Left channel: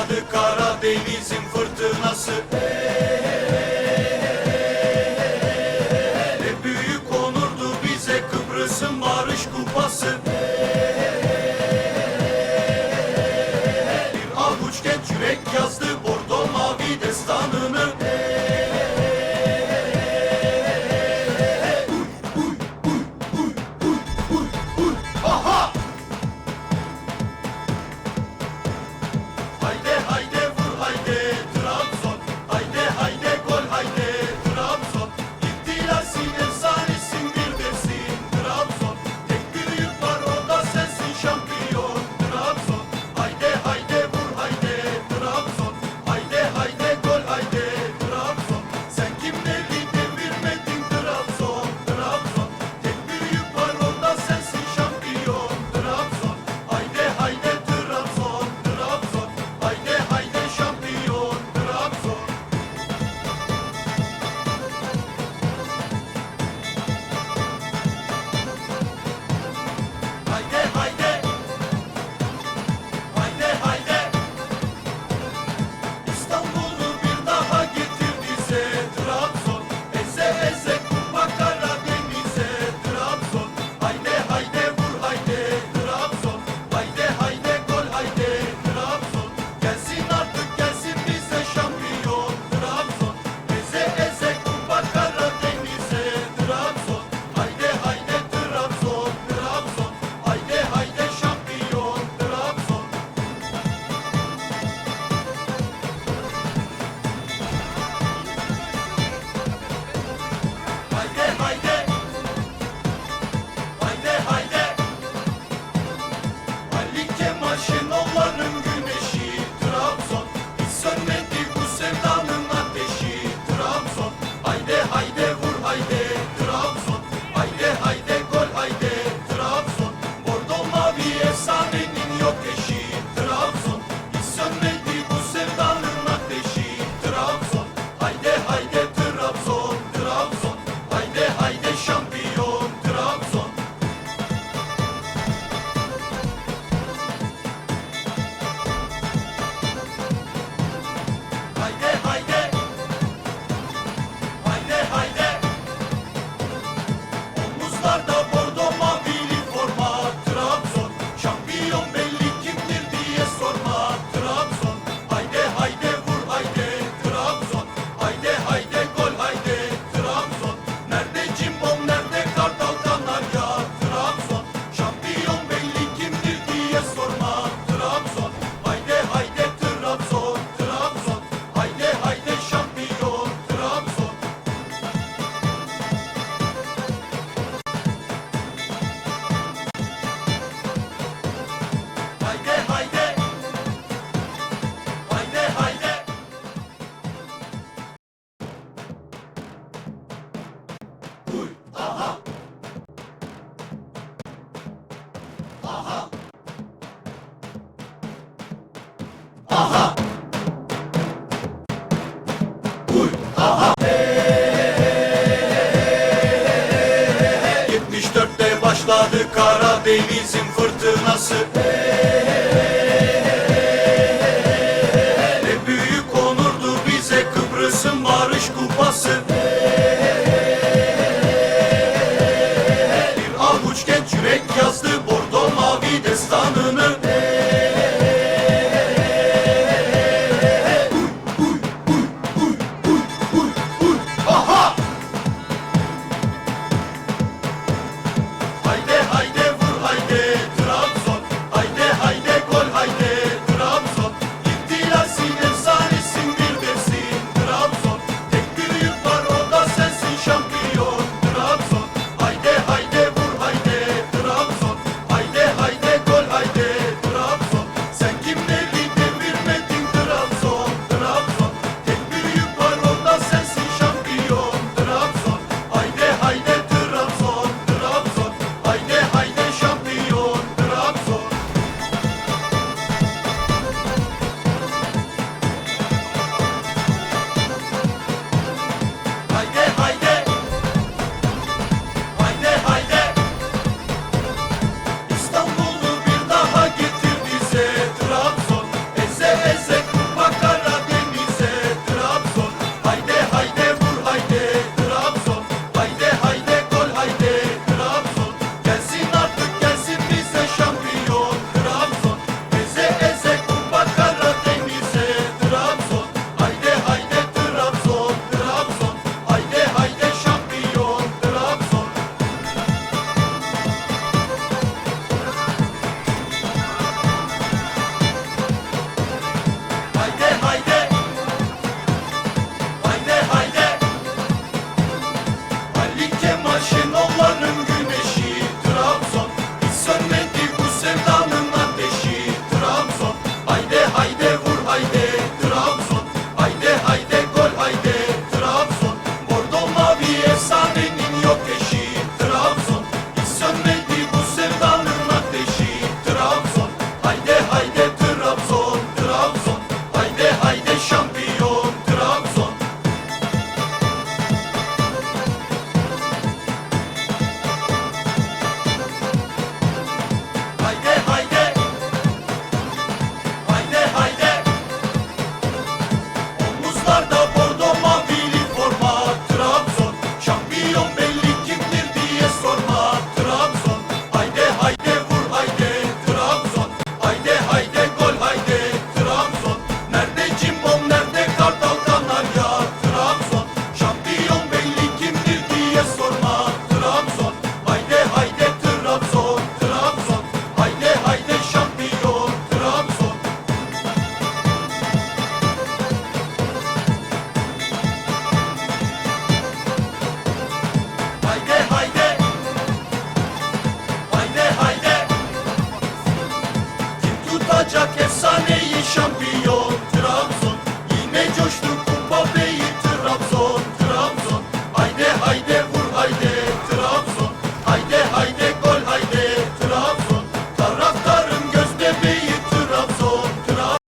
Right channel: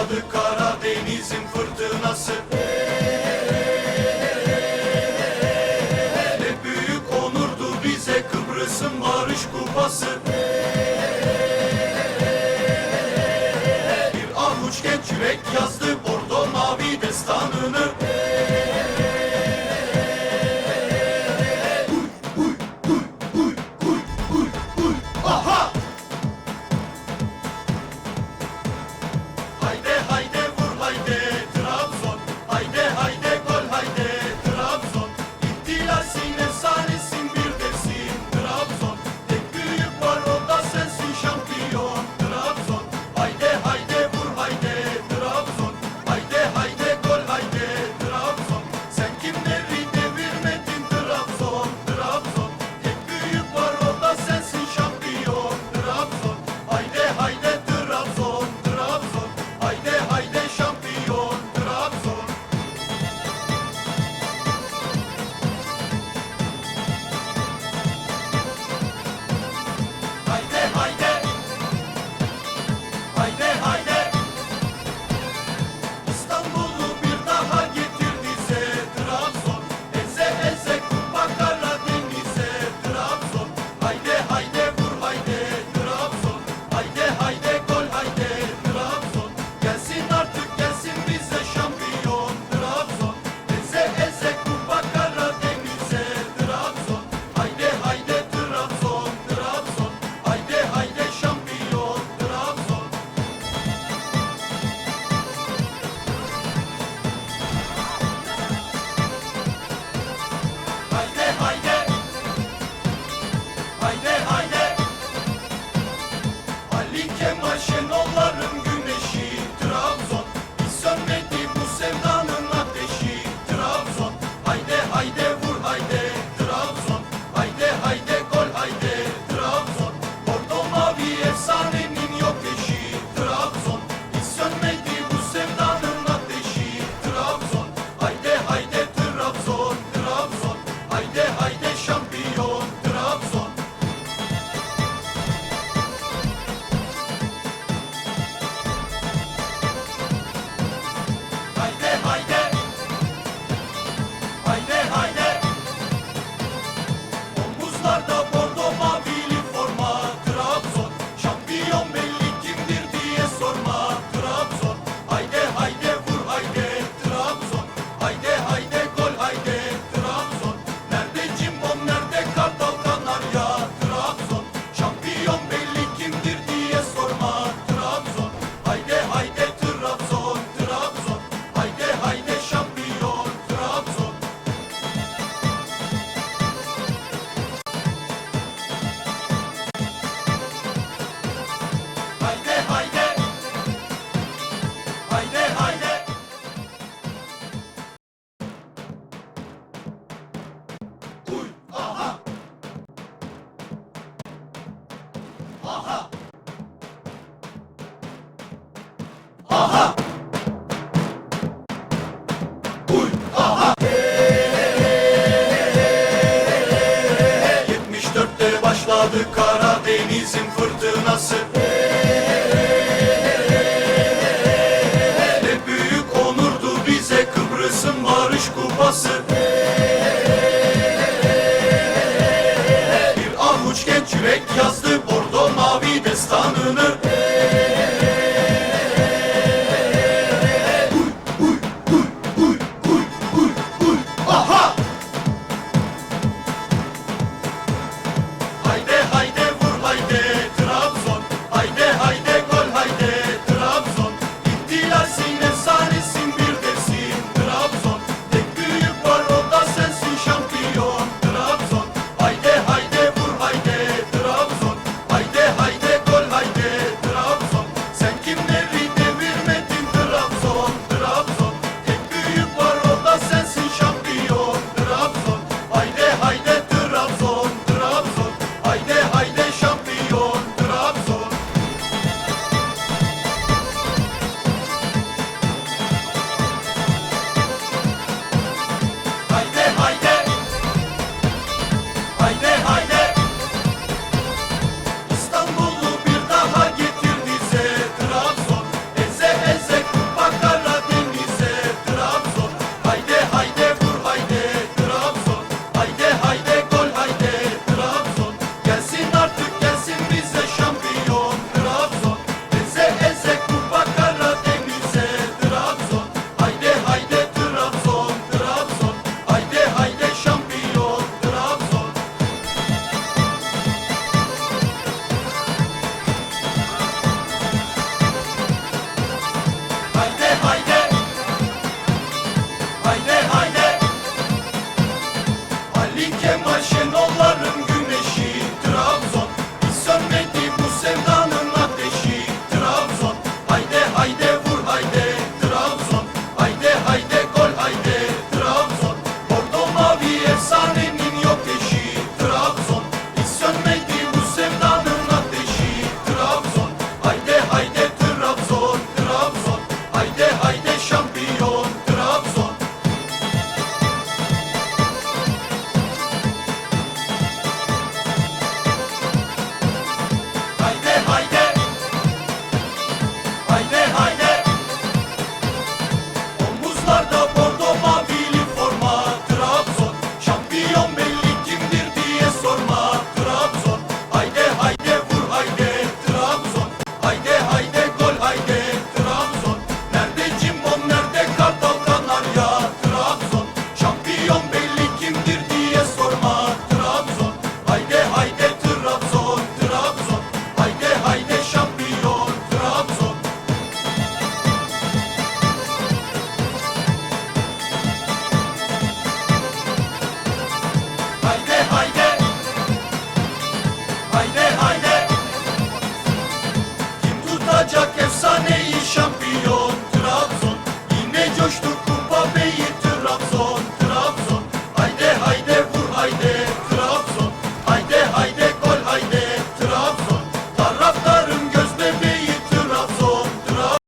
başladı Karadeniz'in fırtınası. Ne büyük onurdu bize Kıbrıs'ın barış kupası. Bir avuç genç yürek yazdı Bordo mavi destanını. Russian old Patladı Karadeniz'in fırtınası. Ne büyük onurdu bize Kıbrıs'ın barış kupası. Bir avuç genç yürek yazdı Bordo mavi destanını. Şenollar şenolların justos.